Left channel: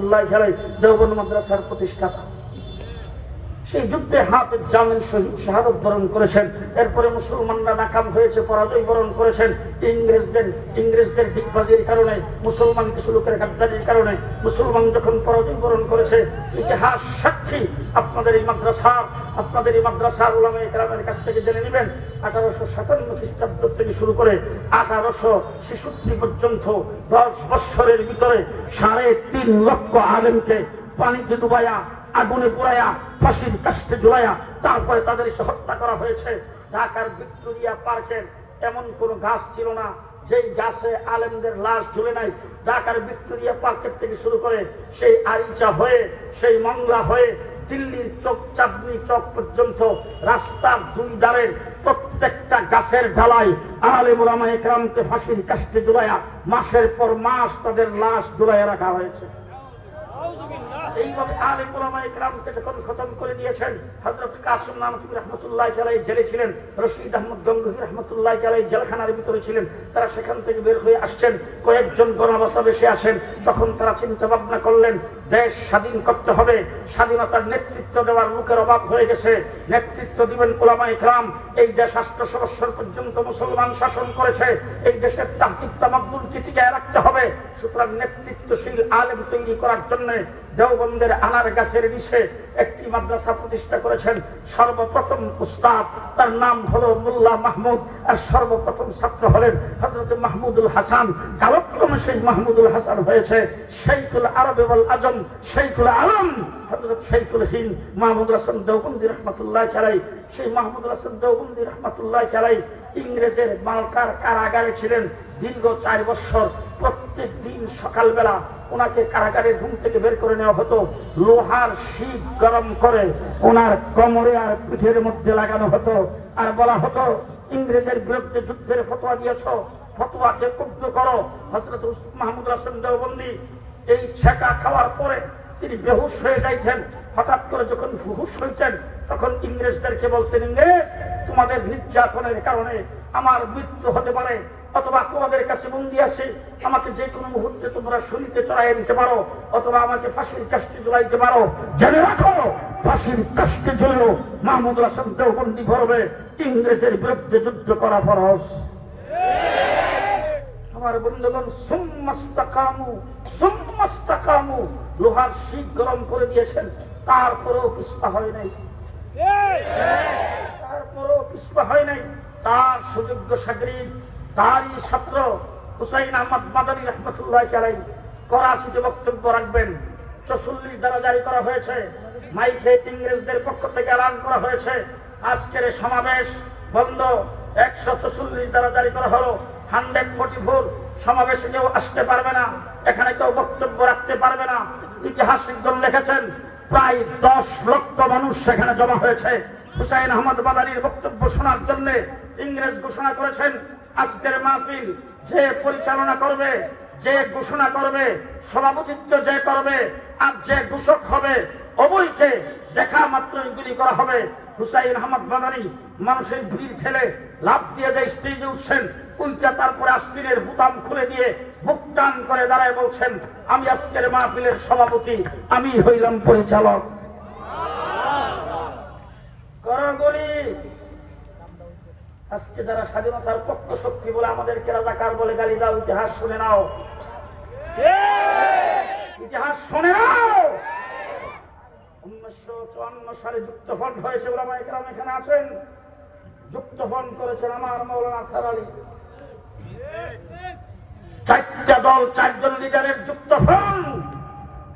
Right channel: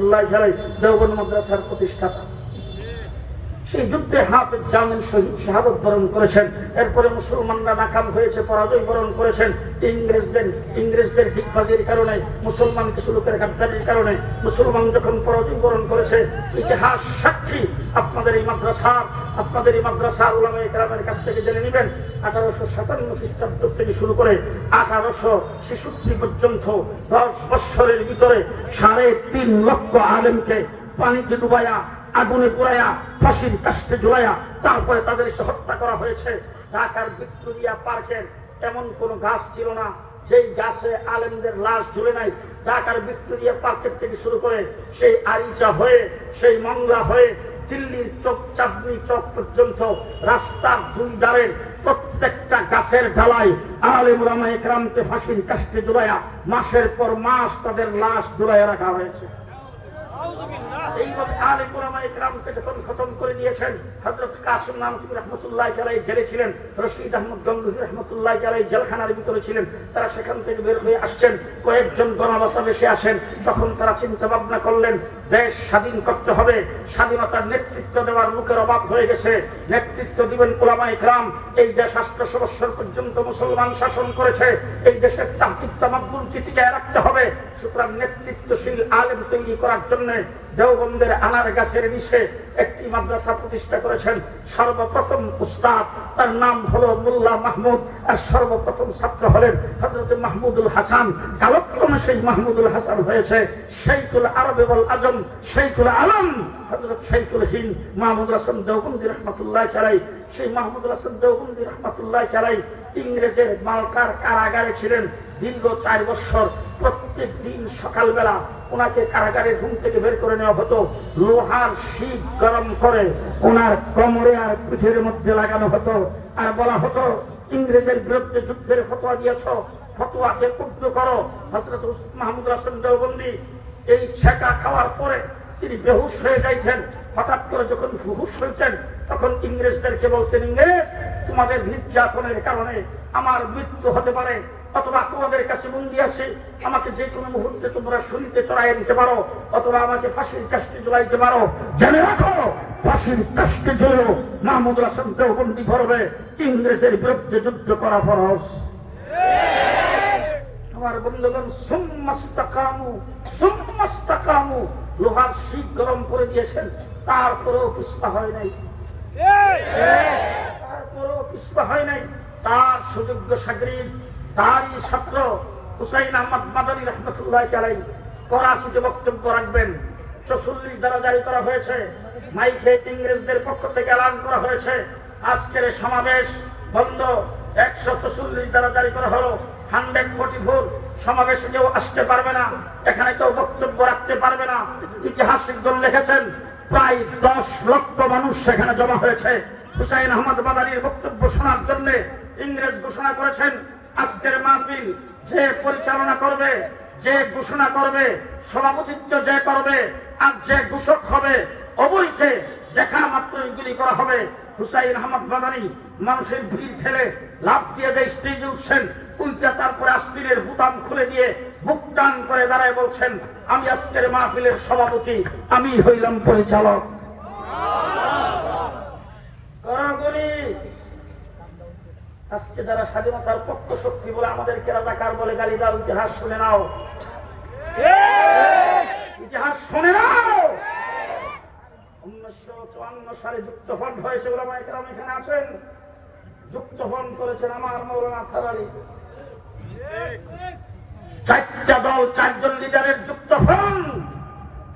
রহমতুল্লাহ আলাইহি দেওবন্দ মাদ্রাসার প্রতিষ্ঠাতা। সেই যুদ্ধে হাফেজ জামিল শহীদ শাহাদত বরণ করেছেন। এরপরে মুসলমানরা নাকাম হয়েছে, পরাজয় বরণ করেছেন। ইংরেজদের হিফাজের কারণে, মুসলমান কিছু লোকের গাদ্দারির কারণে মুসলমান যখন পরাজয় বরণ করেছে, ইতিহাস সাক্ষী। আপনাদের এই মাদ্রাসার উলামায়ে কেরামের কাছ থেকে জেনে নেবেন 1857 খ্রিস্টাব্দ থেকে শুরু করে 1866 পর্যন্ত 10 বৎসরের ভিতরে 3.5 লক্ষ আলেমকে পানিতে ডুবাইয়া, আগুনে পুড়াইয়া, ফাঁসির কাস্টে ঝুলাইয়া তারপরে তাদেরকে হত্যা করা হয়েছে। ঢাকার ভিক্টোরিয়া পার্কের এমন কোন গাছ ছিল না যেই গাছে আলেমদের লাশ ঝুলে নাই। ঢাকার ভিক্টোরিয়া পার্কের থেকে শুরু করে সেই আরিচা হয়ে, সেই মংলা হয়ে দিল্লির চক, চাঁদনি চক পর্যন্ত রাস্তার 2 ধারের প্রত্যেকটা গাছের ঢালাই আলেম উলামায়ে কেরামকে ফাঁসির কাস্টে ঝুলাইয়া মাসের পর মাস তাদের লাশ ঝুলাইয়া রাখা হয়েছে। এইভাবে আলেম উলামায়ে কেরামকে যখন খতম করে দিয়েছেন, হযরত কাসিম নানতুবি রাহমাতুল্লাহি আলাইহি জেলে ছিলেন, রশিদ আহমদ গঙ্গোহী রাহমাতুল্লাহি আলাইহি জেলখানার ভিতরে ছিলেন। তারা সেখান থেকে বের হয়ে আসছেন, কয়েকজন গণবাসা বেশি আসেন। তখন তারা চিন্তা ভাবনা করলেন, দেশ স্বাধীন করতে হবে, স্বাধীনতার নেতৃত্ব দেওয়ার লোকের অভাব হয়ে গেছে, নেতৃত্ব দিবেন উলামায়ে কেরাম। এই দেশ 800 বৎসর পর্যন্ত মুসলমান শাসন করেছে, এই দেশের তাহকিক তামাদ্দুনকে টিকিয়ে রাখতে হবে। সুতরাং নেতৃত্বশীল আলেম তৈরি করার জন্য দেওবন্দের আনার গাছের নিচে একটি মাদ্রাসা প্রতিষ্ঠা করেছেন। সর্বপ্রথম উস্তাদ, তার নাম হলো মোল্লা মাহমুদ, আর সর্বপ্রথম ছাত্র হলেন হযরত মাহমুদুল হাসান। কালক্রমে সেই মাহমুদুল হাসান হয়েছে শাইখুল আরব ওয়াল আজম, শাইখুল আলম হযরত শাইখুল হিন্দ মাহমুদুল হাসান দেওবন্দি রাহমাতুল্লাহি আলাইহি। সেই মাহমুদুল হাসান দেওবন্দি রাহমাতুল্লাহি আলাইহি ইংরেজের মালটার কারাগারে ছিলেন দীর্ঘ 4 বৎসর। প্রত্যেক দিন সকালবেলা ওনাকে কারাগারের ঘুম থেকে বের করে নেওয়া হতো, লোহার শিক গরম করে ওনার কোমরে আর পিঠের মধ্যে লাগানো হতো, আর বলা হতো ইংরেজের বিরুদ্ধে যুদ্ধের ফতোয়া দিয়েছ, ফতোয়াকে কুব্ধ করো। হযরত মাহমুদুল হাসান দেওবন্দি এই ছেঁকা খাওয়ার পরে তিনি বেহুশ হয়ে যাইতেন। হঠাৎ করে যখন হুশ হইতেন তখন ইংরেজদেরকে বলতেন, ইংরেজ, তোমাদের নির্যাতনের কারণে আমার মৃত্যু হতে পারে, অথবা তোমাদের কাছে বন্দী আছে, আমাকে যে কোনো মুহূর্তে তোমরা শরীরে চড়াইয়া দিতে পারো, অথবা আমাকে ফাঁসির কাস্টে ঝুলাইতে পারো। জেনে রাখো, ফাঁসির কাস্টে ঝুলেও মাহমুদুল হাসান দেওবন্দি গর্বে ইংরেজের বিরুদ্ধে যুদ্ধ করা ফরজ। আমার বন্ধুগণ, সুম্মাস্তাকামু, লোহার শিক গরম করে দিয়েছেন, তারপরেও পিছপা হয় নাই, তার সুযোগ্য সাগরিদ, তারই ছাত্র হুসাইন আহমদ মাদানী রাহমাতুল্লাহি আলাইহি করাচিতে বক্তব্য রাখবেন। 44 ধারা জারি করা হয়েছে, মাইকে ইংরেজদের পক্ষ থেকে এলান করা হয়েছে আজকের সমাবেশ বন্ধ। 144 ধারা জারি করা হলো, 144 সমাবেশে কেউ আসতে পারবে না, এখানে কেউ বক্তব্য রাখতে পারবে না। ইতিহাসবিদগণ লিখেছেন প্রায় 10 লক্ষ মানুষ সেখানে জমা হয়েছে হুসাইন আহমদ মাদানীর বক্তব্য শোনার জন্য। ইংরেজ ঘোষণা করেছেন, আজকের মাহফিল যে পরিচালনা করবে, যে ঘোষণা করবে, সভাপতিত্ব যে করবে, আর যে ঘোষক হবে, উভয়কে দেখা মাত্রই গুলি করা হবে। হুসাইন আহমদ মাদানী মানুষের ভিড় ঠেলে লাফ দিয়ে যে স্টেজে উঠছেন, উল্টা তারপরে আস্তিনের বুতাম খুলে দিয়ে বুক টান করে দাঁড়ায় বলছেন, আমি আজকের মাহফিলের সভাপতি, আমি হইলাম পরিচালক। আজকে যারা স্বাধীনতার পক্ষ শক্তি বলে আমাদেরকে রাজাকার বলে গালি দাও, ইতিহাস শুনে নাও, ইতিহাস শুনে নাও। 1954 সালে যুক্তফ্রন্ট হয়েছে, উলামায়ে কেরাম এখানে আছেন, যুক্তফ্রন্ট করেছেন আমার মাওলানা আজহার আলী। 4টা দল, 4 জন লিডারের যুক্তফ্রন্ট।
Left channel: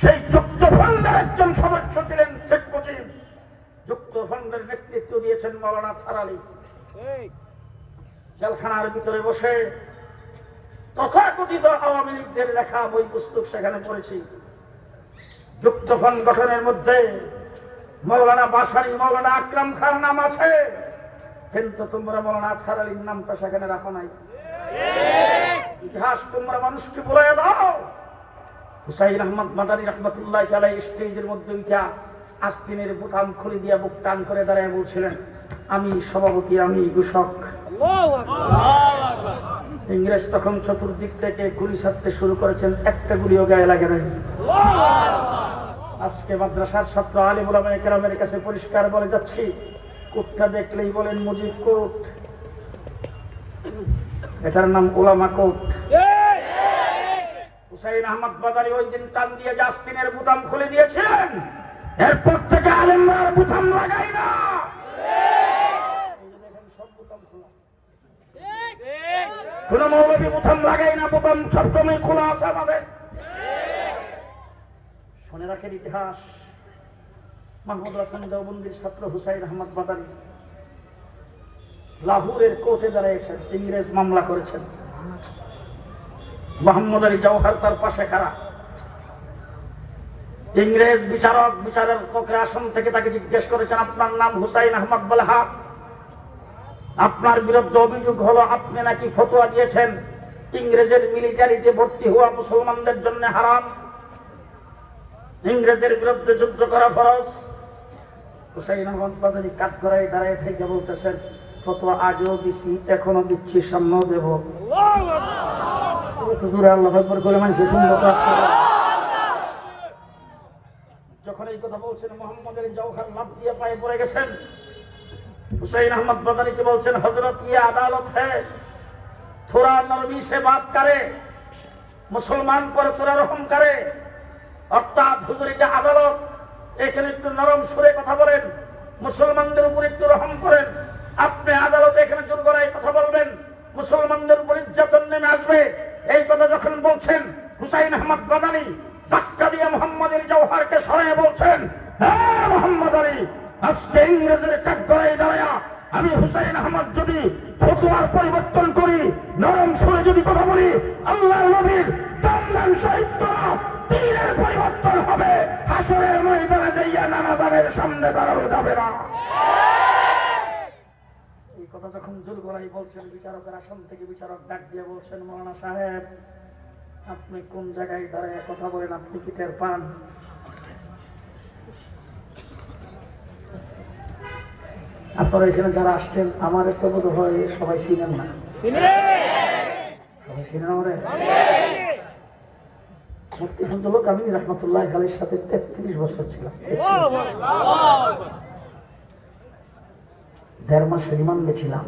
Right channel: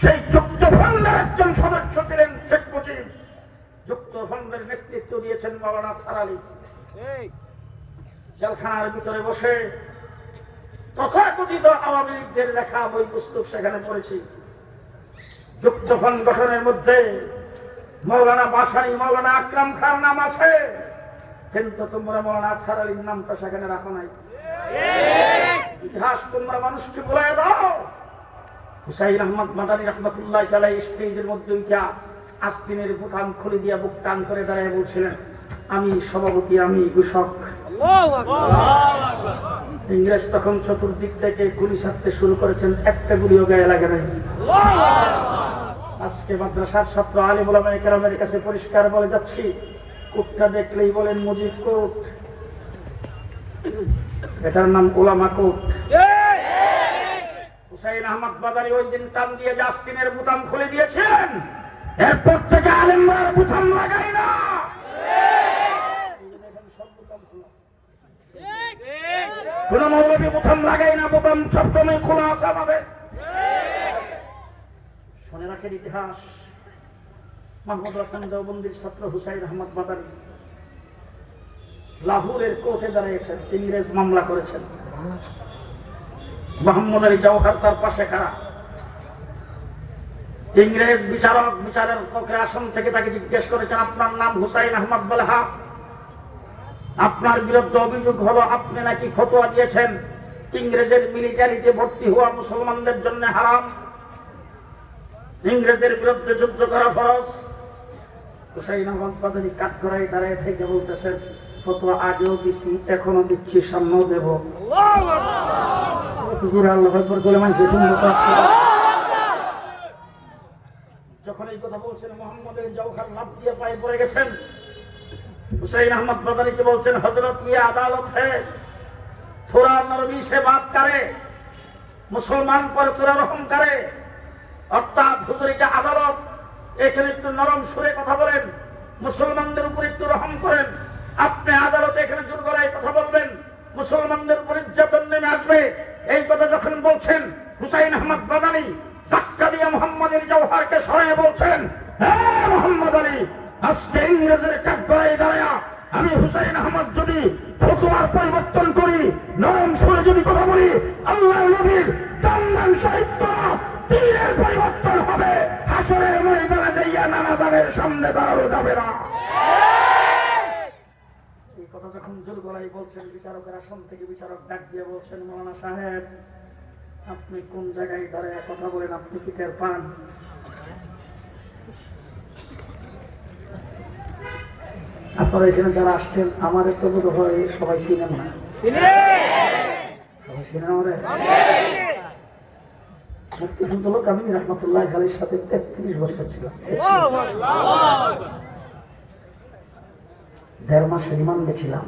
সেই যুক্তফ্রন্টের একজন সদস্য ছিলেন শেখ মুজিব। যুক্তফ্রন্টের নেতৃত্ব দিয়েছেন মাওলানা আজহার আলী। জেলখানার ভিতরে বসে তথাকথিত আওয়ামী লীগদের লেখা বই পুস্তক সেখানে পড়েছি। যুক্তফ্রন্ট গঠনের মধ্যে মৌলানা বাসারি, মৌলানা আকরাম খান নাম আছে, কিন্তু তোমরা মৌলানা আজহার আলীর নামটা সেখানে রাখো নাই। ইতিহাস তোমরা মানুষকে বলে দাও। হুসাইন আহমদ মাদানী রাহমাতুল্লাহি আলাইহি স্টেজের মধ্যে উঠা আস্তিনের বোতাম খুলে দিয়া বুক টান করে দাঁড়ায় বলছিলেন, আমি সভাপতি, আমি ঘোষক। ইংরেজ তখন চতুর্দিক থেকে গুলি ছাড়তে শুরু করেছেন, একটা গুলিও গায়ে লাগে নাই। আজকে মাদ্রাসার ছাত্র আলিম উলামায়ে কেরামের কাছে পরিষ্কার বলে যাচ্ছি, কোটটা দেখলেই বলেন মুজিব কোট, এটার নাম উলামা কোট। হুসাইন আহমদ বাদারী ওই দিন টান দিয়ে জাস্তিনের বুতাম খুলে দিয়েছেন, এরপর থেকে আলিমরা বুতাম লাগাই না। কোন মৌলবী বুতাম লাগাই না, বুতাম সবসময় খোলা আছে আমাদের। মনে রাখেন ইতিহাস, মাহমুদ হাসান দেওবন্দির ছাত্র হুসাইন আহমদ বাদারী লাহোরের কোর্টে দাঁড়িয়েছেন, ইংরেজ মামলা করেছেন। মোহাম্মদ আলী জওহর তার পাশে খাড়া। ইংরেজ বিচারকের আসন থেকে তাকে জিজ্ঞেস করেছেন, আপনার নাম হুসাইন আহমদ বলে? হ্যাঁ। আপনার বিরুদ্ধে অভিযোগ হলো আপনি নাকি ফতোয়া দিয়েছেন ইংরেজের মিলিটারিতে ভর্তি হওয়া মুসলমানদের জন্য হারাম, ইংরেজের বিরুদ্ধে যুদ্ধ করা ফরজ। হুসাইন আহমদ বাদারী কাঠগড়ায় দাঁড়িয়ে থেকে বলতেছেন, ফতোয়া আগেও দিচ্ছি, এখনো দিচ্ছি, সামনেও দেব। যখন এই কথা বলছেন, মোহাম্মদ আলী জওহর লাফ দিয়ে পায়ে পড়ে গেছেন। হুসাইন আহমদ বাদারীকে বলছেন, হযরত ये अदालत है, थोड़ा नरमी से बात करे, মুসলমান পর তোরা রহম করে। অর্থাৎ হুজুর যে আদালত, এখানে একটু নরম সুরে কথা বলেন, মুসলমানদের উপর একটু রহম করেন। আপনি আদালতে এখানে জোর গলায় কথা বলবেন, মুসলমানদের উপর নির্যাতন নেমে আসবে। এই কথা যখন বলছেন, হুসাইন আহমদ বাদারী ধাক্কা দিয়ে মোহাম্মদ আলী জওহরকে সরিয়ে বলছেন, হ্যাঁ মোহাম্মদ আলী, আজকে ইংরেজের কাঠগড়ায় দাঁড়ায়া আমি হুসাইন আহমদ যদি ফতোয়ার পরিবর্তন করি, নরম সুরে যদি কথা বলি, আল্লাহর নবীর দান সাহিত্যরা তীরের পরিবর্তন হবে, হাসরের ময়দানে যাইয়া নামাজের সামনে দাঁড়ানো যাবে না। এই কথা যখন জোর গলায় বলছেন, বিচারকের আসন থেকে বিচারক ডাক দিয়ে বলছেন, মৌলানা সাহেব, আপনি কোন জায়গায় দাঁড়িয়ে কথা বলেন, আপনি কি টের পান? আপনারা এখানে যারা আসছেন, আমার তো বোধ হয় সবাই চিনেন না। সবাই চিনেন আমাদের মুফতি শামসুল কামিনী রাহমাতুল্লাহ আলাইহির সাথে 33 বছর ছিল। 1.5 মাস রিমান্ডে ছিলাম।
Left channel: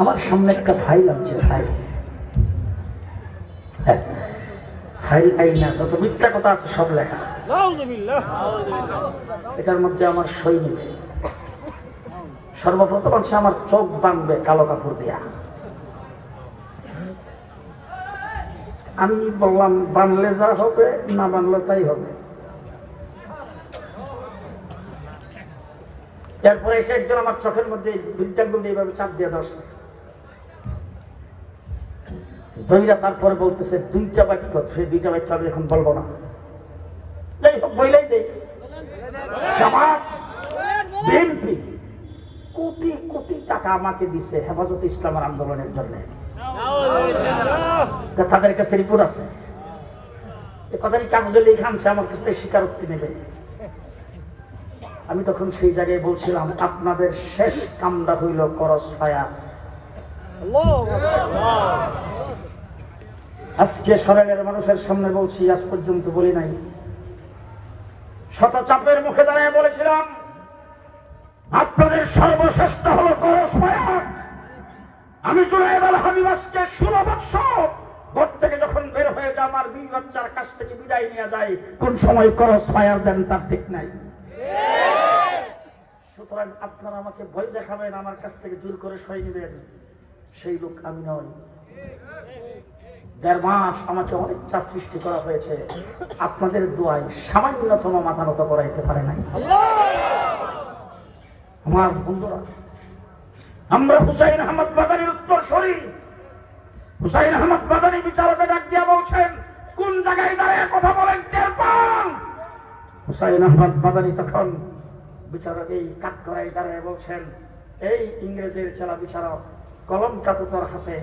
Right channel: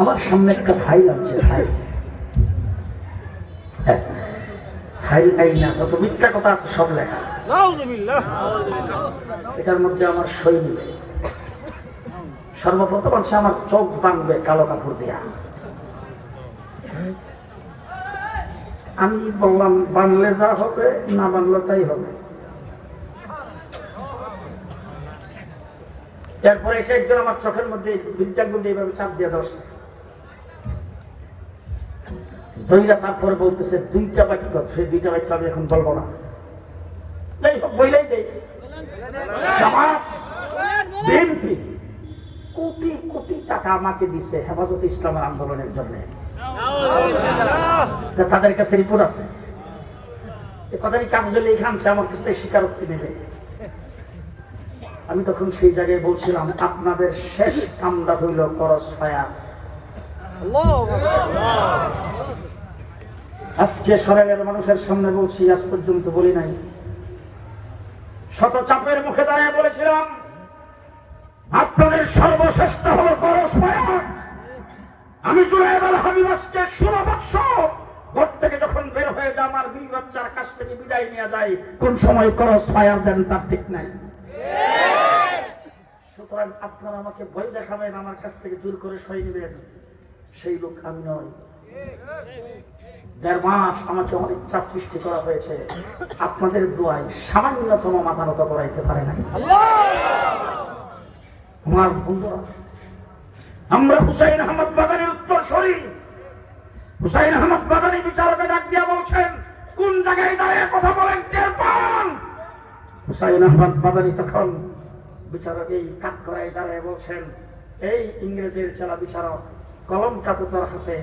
আমার সামনে একটা ফাইল আছে, ফাইল না, যত মিথ্যা কথা আছে সব লেখা, এটার মধ্যে আমার সই নেই। সর্বপ্রথম বলছে আমার চোখ বাঁধবে কালো কাপড় দেয়া। আমি বললাম, বানলে যা হবে, না বানলে তাই হবে। এরপরে এসে একজন আমার চোখের মধ্যে বিদ্যার মধ্যে এইভাবে চাপ দিয়ে ধরছে, ধৈরা তারপরে বলতেছে 2টা বাক্য, সেই 2টা বাক্য আমি এখন বলবো না। যাই হোক, বইলেই দেয় জামাত বিএনপি কোটি কোটি টাকা আমাকে দিচ্ছে হেফাজত ইসলামের আন্দোলনের জন্য। তাদের কাছে রিপোর্ট আছে, কথাটি কাগজে লিখে আনছে, আমার কাছে স্বীকারোক্তি নেবে। আমি তখন সেই জায়গায় বলছিলাম, আপনাদের শেষ কামটা হইল করস পায়া। আজকে সরাইয়ের মানুষের সামনে বলছি, আজ পর্যন্ত বলি নাই। শত চাপের মুখে দাঁড়িয়ে বলেছিলাম, আপনাদের সর্বশ্রেষ্ঠ হল করস পায়া। আমি জুলাই আল হাবিব আজকে 16 বছর ঘর থেকে যখন বের হয়ে যায়, আমার 2 বাচ্চার কাছ থেকে বিদায় নিয়ে যায়, কোন সময় করস ফায়ার দেন তার ঠিক নাই। সুতরাং আপনারা আমাকে ভয় দেখাবেন, আমার কাছ থেকে জোর করে সই নেবেন, সেই লোক আমি নই। 1.5 মাস আমাকে অনেক চাপ সৃষ্টি করা হয়েছে, আপনাদের দোয়ায় সামান্যতম মাথা নত করাইতে পারে নাই। আমার বন্ধুরা, আমরা হুসাইন আহমদ বাদারীর উত্তরসূরি। হুসাইন আহমদ বাদারী বিচারকে ডাক দিয়ে বলছেন, কোন জায়গায় দাঁড়িয়ে কথা বলেন, টের পান? হুসাইন আহমদ বাদারী তখন বিচারক এই কাঠগড়ায় দাঁড়িয়ে বলছেন, এই ইংরেজের জেলা বিচারক, কলমটা তো তোর হাতে,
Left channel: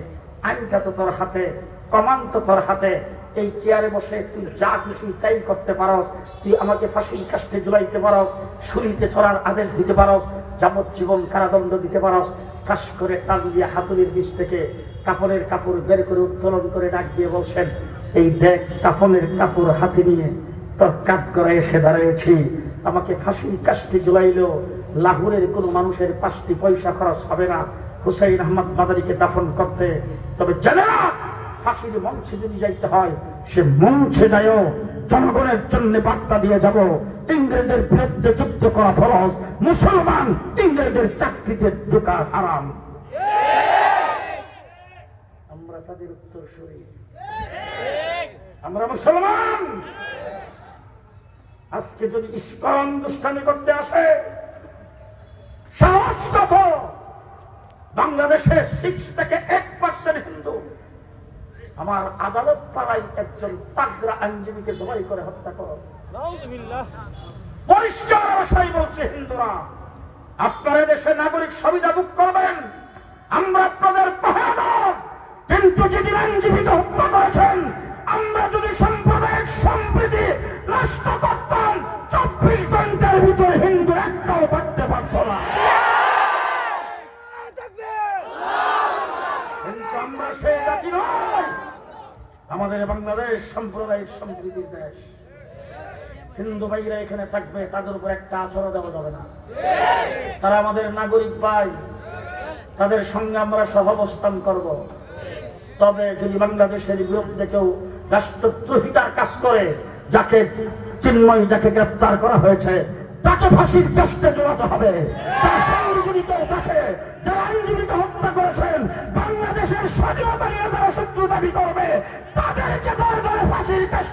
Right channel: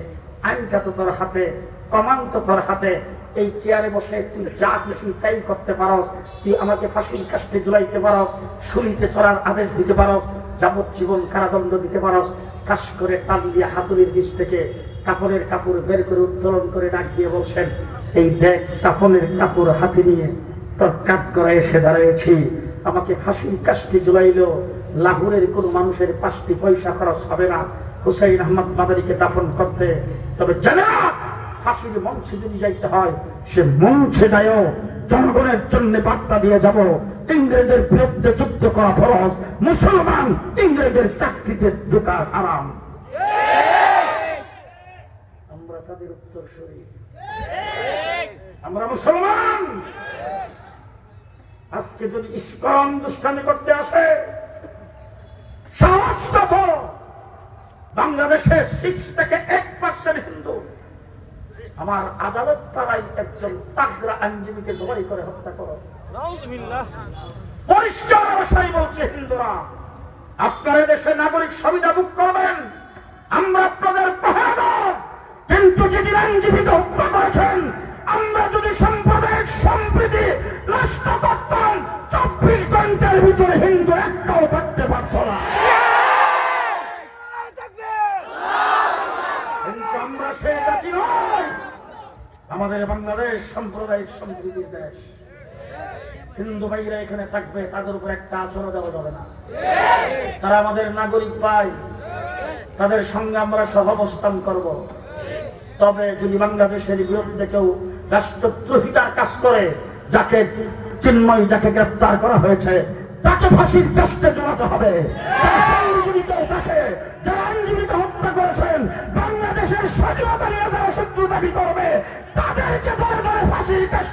আইনটা তো তোর হাতে, কমান তো তোর হাতে। এই চেয়ারে বসে তুই যা খুশি তাই করতে পারস। তুই আমাকে ফাঁসির কাস্টে ঝুলাইতে পারস, শুলিতে চড়ার আদেশ দিতে পারস, যাবজ্জীবন কারাদণ্ড দিতে পারস। কাশ করে টান দিয়ে হাতুড়ির বীজ থেকে কাপড়ের কাপড় বের করে উত্তোলন করে ডাক দিয়ে বলছেন, এই দেখ কাফনের কাপড় হাতে নিয়ে তোর কাঠ করে এসে দাঁড়িয়েছি, আমাকে ফাঁসির কাস্তে ঝুলাইল, লাহোরের কোন মানুষের 5টি পয়সা খরচ হবে না হুসাইন আহমদ মাদারীকে দাফন করতে। তবে জানা ফাঁসির মঞ্চে যদি যাইতে হয়, সে মঞ্চে যায়ও জনগণের জন্য বার্তা দিয়ে যাব, ইংরেজের বিরুদ্ধে যুদ্ধ করা ফরজ, মুসলমান ইংরেজের চাকরিতে ঢোকা হারাম। আমরা তাদের উত্তরসূরি, আমরা মুসলমান। আজকে যদি ইসকন দুষ্টামি করতে আসে, সাহস কত? বাংলাদেশে 6 থেকে 1% হিন্দু। আমার আদালত পাড়ায় একজন তাগড়া আইনজীবীকে জবাই করে হত্যা করো। পরিষ্কার ভাষায় বলছে, হিন্দুরা আপনারা দেশে নাগরিক সুবিধা ভোগ করবেন, আমরা আপনাদের পাহাড়। কিন্তু যেদিন আইনজীবীকে হত্যা করেছেন, আমরা যদি সাম্প্রদায়িক সম্প্রীতি নষ্ট করতাম, 24 ঘন্টার ভিতরে হিন্দু একটাও থাকতে পারত না। কিন্তু আমরা সেই জাতি নয়। আমাদের বাংলাদেশ সাম্প্রদায়িক সম্প্রীতির দেশ। হিন্দু ভাইরা এখানে থাকবে, তাদের উপর একটা আচরণ দেওয়া যাবে না। তারা আমাদের নাগরিক ভাই, তাদের সঙ্গে আমরা সহাবস্থান করব। তবে যদি বাংলাদেশের বিরুদ্ধে কেউ রাষ্ট্রদ্রোহিতার কাজ করে, যাকে চিন্ময় যাকে গ্রেপ্তার করা হয়েছে, তাকে ফাঁসির কাস্তে ঝোলাতে হবে। যদি কেউ থাকে যারা আইনজীবীকে হত্যা করেছেন, বাংলাদেশের স্বাধীনতা নিয়ে যারা শত্রু দাবি করবে, তাদেরকে ফাঁসির কাস্তে